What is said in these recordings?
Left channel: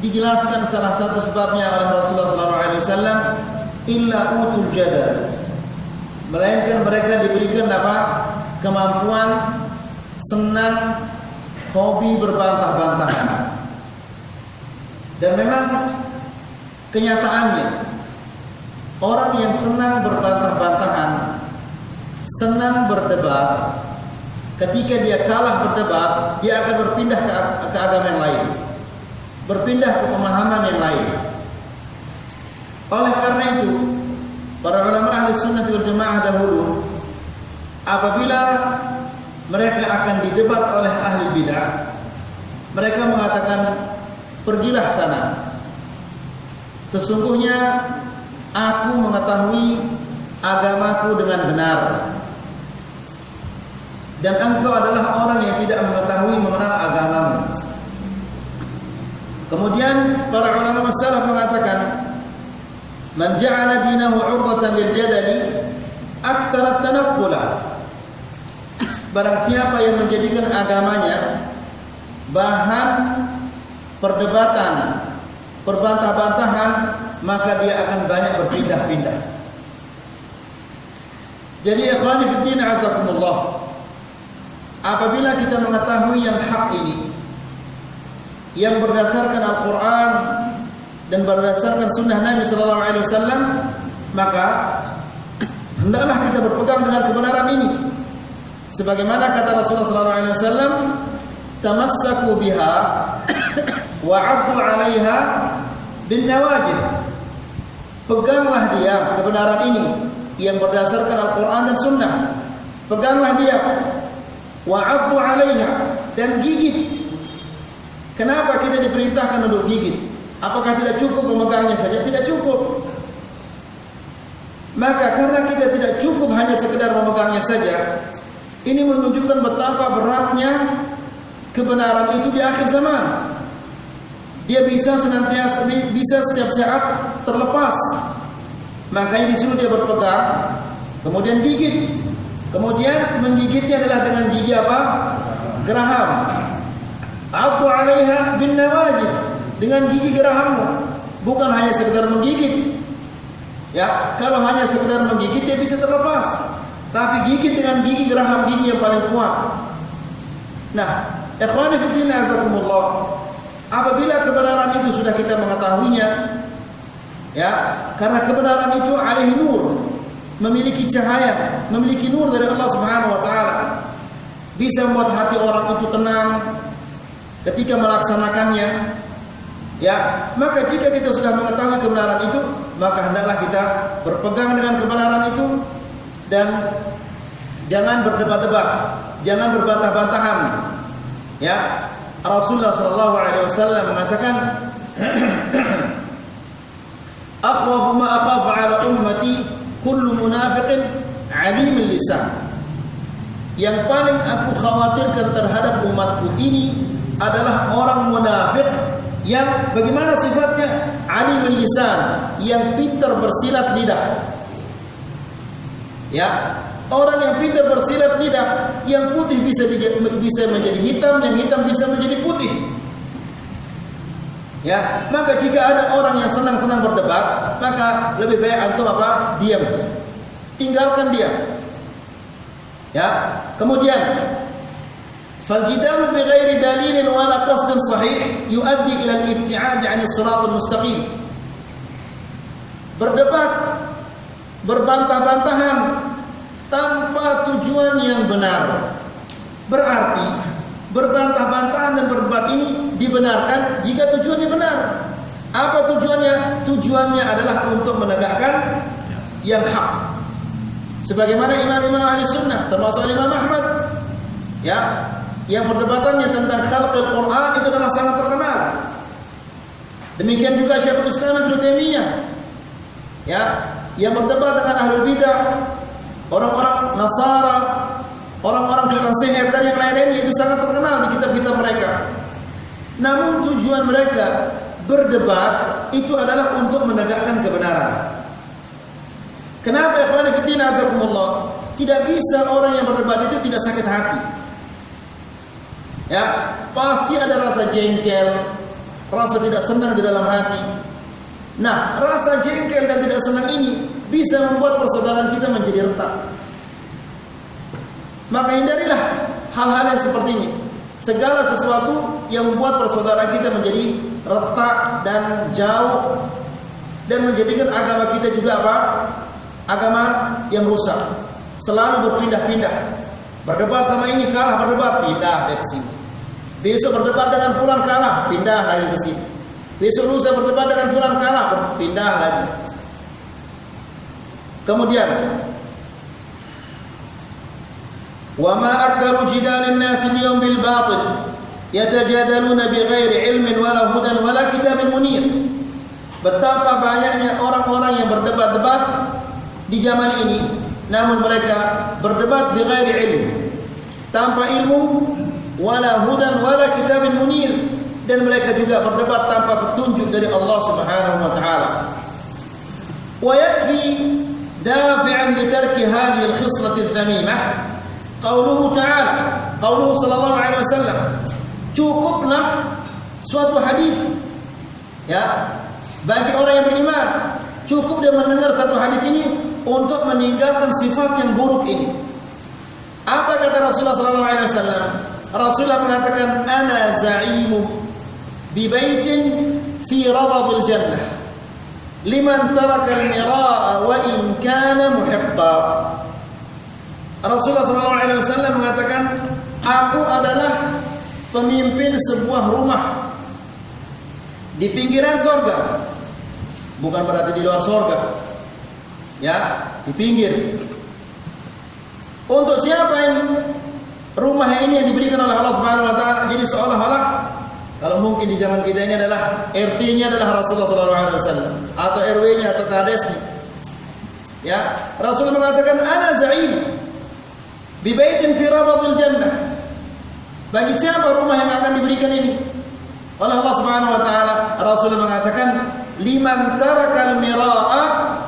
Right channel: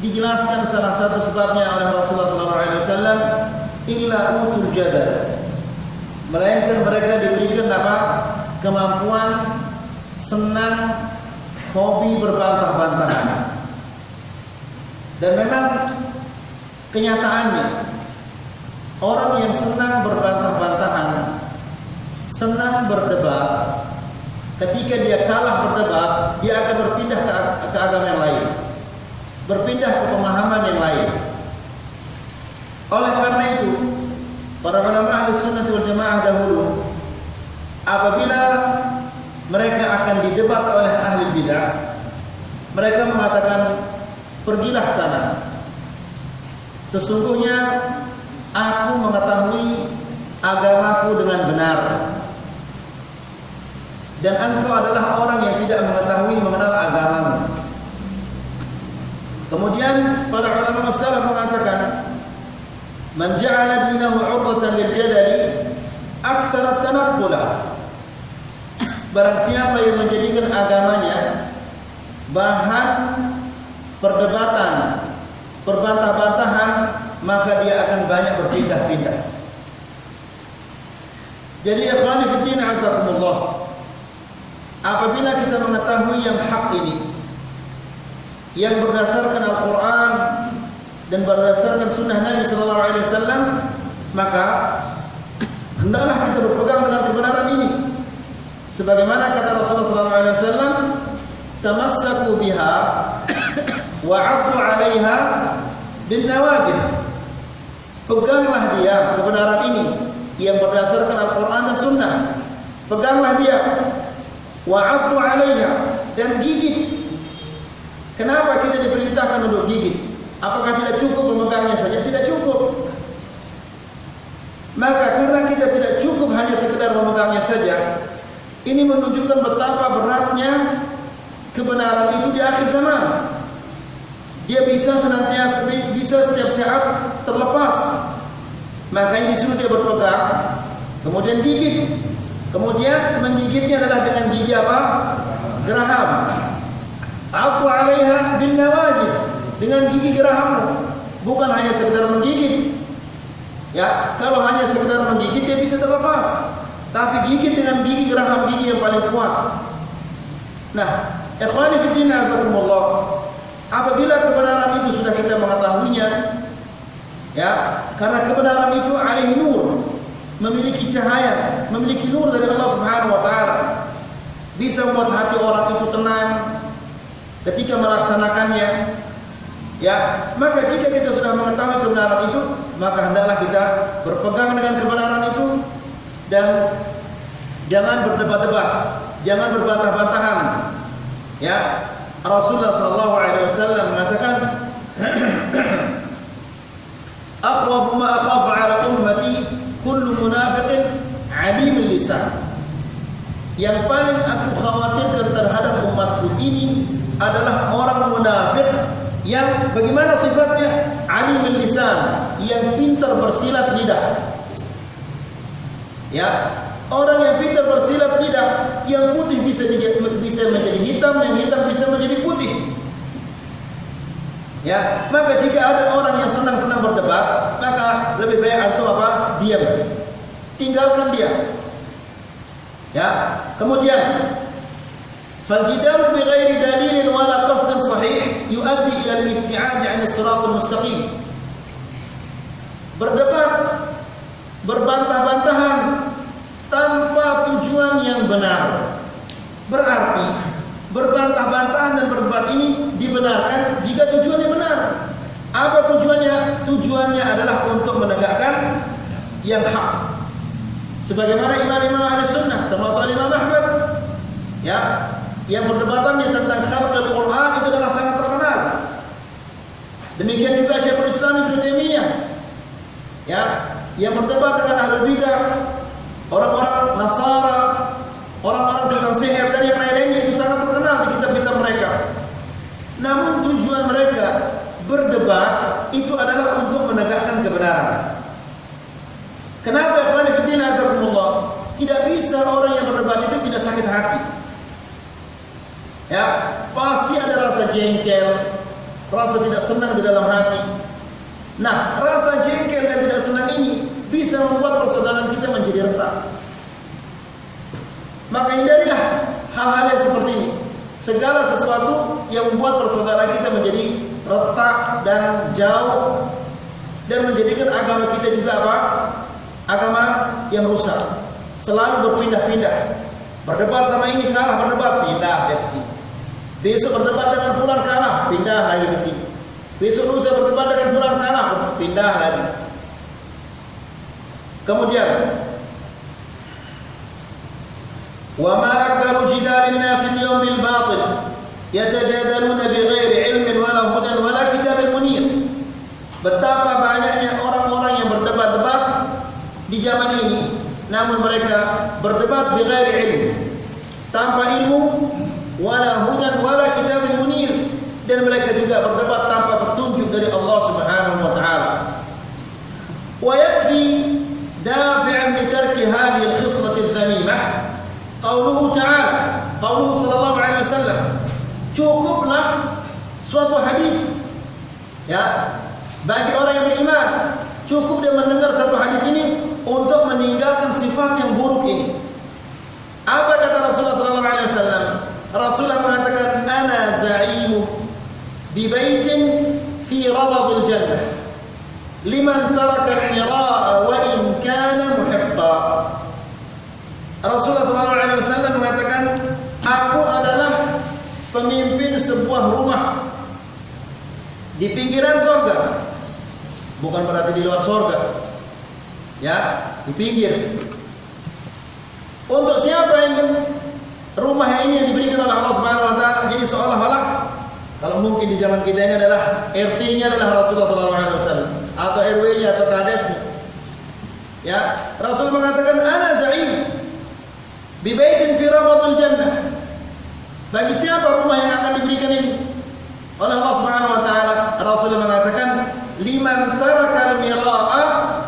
dijelaskan salah satu sebabnya oleh Rasulullah SAW, illa utul jadal, melainkan mereka diberikan apa? Kemampuan senang, hobi berbantah-bantahan. Dan memang kenyataannya orang yang senang berbantah-bantahan, senang berdebat, ketika dia kalah berdebat, dia akan berpindah ke agama yang lain, berpindah ke pemahaman yang lain. Oleh karena itu, para ulama ahli sunnah wal jamaah dahulu, apabila mereka akan didebat oleh ahli bidah, mereka mengatakan, pergilah sana. Sesungguhnya aku mengetahui agamaku dengan benar, dan engkau adalah orang yang tidak mengetahui mengenal agamamu. Kemudian para ulama salaf mengatakan, man ja'ala dinahu 'urbatan lil jadali aktsara tanaqqula. Barang siapa yang menjadikan agamanya bahan perdebatan, perbantah-bantahan, maka dia akan banyak berpindah-pindah. Jadi ikhwani fiddin azakumullah, apabila kita mengetahui yang hak ini, yang berdasarkan Al-Quran dan berdasarkan sunnah Nabi SAW, maka hendaklah kita berpegang dengan kebenaran ini. Sebagaimana kata Rasulullah SAW, tamassaku biha wa'addu 'alaiha bin nawajid. Peganglah dia kebenaran ini yang berdasarkan Al-Quran dan sunnah. Peganglah dia, wa'addu 'alaiha, dan gigit. Kenapa kita diperintahkan untuk gigit? Apakah tidak cukup memegangnya saja? Tidak cukup. Maka karena kita tidak cukup hanya sekedar memegangnya saja, ini menunjukkan betapa beratnya kebenaran itu di akhir zaman. Dia bisa senantiasa, bisa setiap saat terlepas. Makanya disuruh dia berpegang, kemudian gigit. Kemudian menggigitnya adalah dengan gigi apa? Geraham. Atau 'alaiha bin nawajid, dengan gigi gerahammu, bukan hanya sekedar menggigit. Ya, kalau hanya sekedar menggigit dia bisa terlepas, tapi gigit dengan gigi geraham, gigi yang paling kuat. Nah, ikhwani fiddin azakumullah, apabila kebenaran itu sudah kita mengetahuinya, ya, karena kebenaran itu alaihi nur, memiliki cahaya, memiliki nur dari Allah Subhanahu wa taala, bisa membuat hati orang itu tenang ketika melaksanakannya. Ya, maka jika kita sudah mengetahui kebenaran itu, maka hendaklah kita berpegang dengan kebenaran itu dan jangan berdebat-debat, jangan berbantah-bantahan. Ya, Rasulullah SAW mengatakan, akhwafu ma akhafu ala ummati kullu munafiqin alim lisan. Yang paling aku khawatirkan terhadap umatku ini adalah orang munafik yang bagaimana sifatnya? Alim lisan, yang pintar bersilat lidah. Ya, orang yang pintar bersilat lidah, yang putih bisa menjadi hitam, yang hitam bisa menjadi putih. Ya, maka jika ada orang yang senang-senang berdebat, maka lebih baik antum apa? Diam. Tinggalkan dia. Ya, kemudian فالجدال بغير دليل ولا قصد صحيح يؤدي إلى الابتعاد عن الصراط المستقيم. Berdebat, berbantah-bantahan tanpa tujuan yang benar, berarti berbantah-bantahan dan berdebat ini dibenarkan jika tujuannya benar. Apa tujuannya? Tujuannya adalah untuk menegakkan yang hak. Sebagaimana imam-imam ahli sunnah, termasuk Imam Ahmad, ya, yang perdebatannya tentang khalqul Quran itu adalah sangat terkenal. Demikian juga Syekhul Islam Ibnu Taimiyah, ya, yang berdebat dengan ahlul bidah, orang-orang Nasara, orang-orang tukang sihir dan yang lain-lainnya, itu sangat terkenal di kitab-kitab mereka. Namun tujuan mereka berdebat itu adalah untuk menegakkan kebenaran. Kenapa ikhwan fillah azakumullah? Tidak bisa orang yang berdebat itu tidak sakit hati. Ya, pasti ada rasa jengkel, rasa tidak senang di dalam hati. Nah, rasa jengkel dan tidak senang ini bisa membuat persaudaraan kita menjadi retak. Maka hindarilah hal-hal yang seperti ini. Segala sesuatu yang membuat persaudaraan kita menjadi retak dan jauh, dan menjadikan agama kita juga apa? Agama yang rusak. Selalu berpindah-pindah. Berdebat sama ini kalah, berdebat pindah dia ke sini. Besok berdebat dengan fulan kalah, pindah lagi ke sini. Besok lusa berdebat dengan fulan kalah, pindah lagi. Kemudian, wa ma aktsaru jidalin nas al-yawm bil batil yatajadaluna bighairi ilmin wala hudan wala kitabin munir. Betapa banyaknya orang-orang yang berdebat-debat di zaman ini, namun mereka berdebat bighairi ilm, tanpa ilmu, wala hudan wala kitabin munir, dan mereka juga berdebat tanpa petunjuk dari Allah Subhanahu wa taala. Wa yakfi dafi'an li tarki hadhihi al-khislah adh-dhamimah qauluhu ta'ala, qauluhu sallallahu alaihi wasallam. Cukuplah suatu hadis, ya, bagi orang yang beriman, cukup dia mendengar satu hadis ini untuk meninggalkan sifat yang buruk ini. Apa kata Rasulullah sallallahu alaihi wasallam? Rasulullah mengatakan, ana za'imu bi baitin fi rabadil jannah liman taraka al-mira'a wa in kana muhiqqa. Rasulullah sallallahu alaihi wasallam mengatakan, aku adalah pemimpin sebuah rumah di pinggiran surga. Bukan berarti di luar surga, ya, di pinggir. Untuk siapa ini? Rumah ini yang diberikan oleh Allah Subhanahu wa taala. Jadi seolah-olah kalau mungkin di zaman kita ini adalah RT-nya adalah Rasulullah sallallahu alaihi wasallam atau RW-nya atau kadesnya. Ya, Rasul mengatakan, ana za'im bi baitin fi rabadil jannah. Bagi siapa rumah yang akan diberikan ini oleh Allah Subhanahu wa taala? Rasul mengatakan, liman tarakal mira'a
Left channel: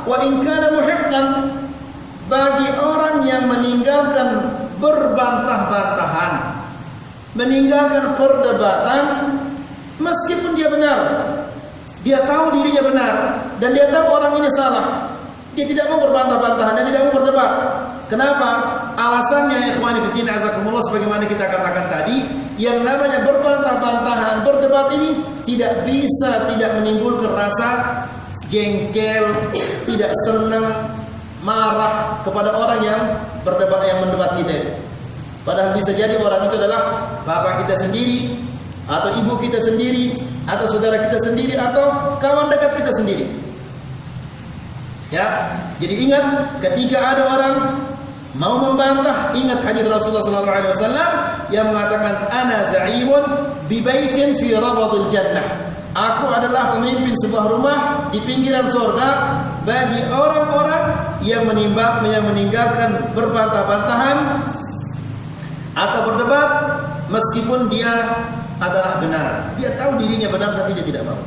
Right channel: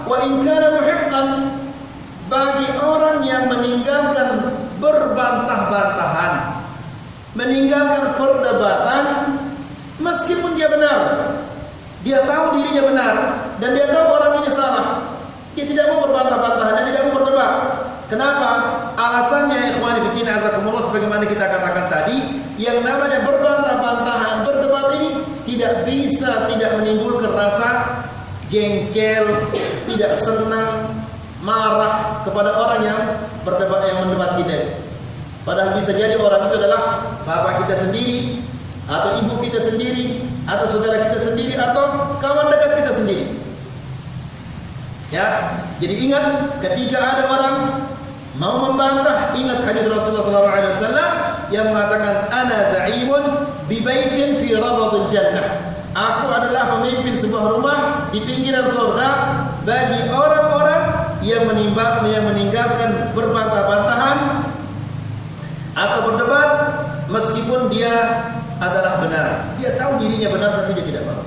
wa in kana muhiqqan. Bagi orang yang meninggalkan berbantah-bantahan, meninggalkan perdebatan, meskipun dia benar, dia tahu dirinya benar dan dia tahu orang ini salah, dia tidak mau berbantah-bantahan dan tidak mau berdebat. Kenapa? Alasannya, ya ikhwani fillah azakumullah, sebagaimana kita katakan tadi, yang namanya berbantah-bantahan, berdebat ini tidak bisa tidak menimbulkan rasa jengkel, tidak senang, marah kepada orang yang berdebat, yang mendebat kita. Padahal bisa jadi orang itu adalah bapak kita sendiri, atau ibu kita sendiri, atau saudara kita sendiri, atau kawan dekat kita sendiri. Ya, jadi ingat ketika ada orang mau membantah, ingat hadis Rasulullah SAW yang mengatakan, ana za'imun bi baitin fi rabadil jannah. Aku adalah pemimpin sebuah rumah di pinggiran surga bagi orang-orang yang meninggalkan berbantah-bantahan atau berdebat meskipun dia adalah benar. Dia tahu dirinya benar tapi dia tidak mau.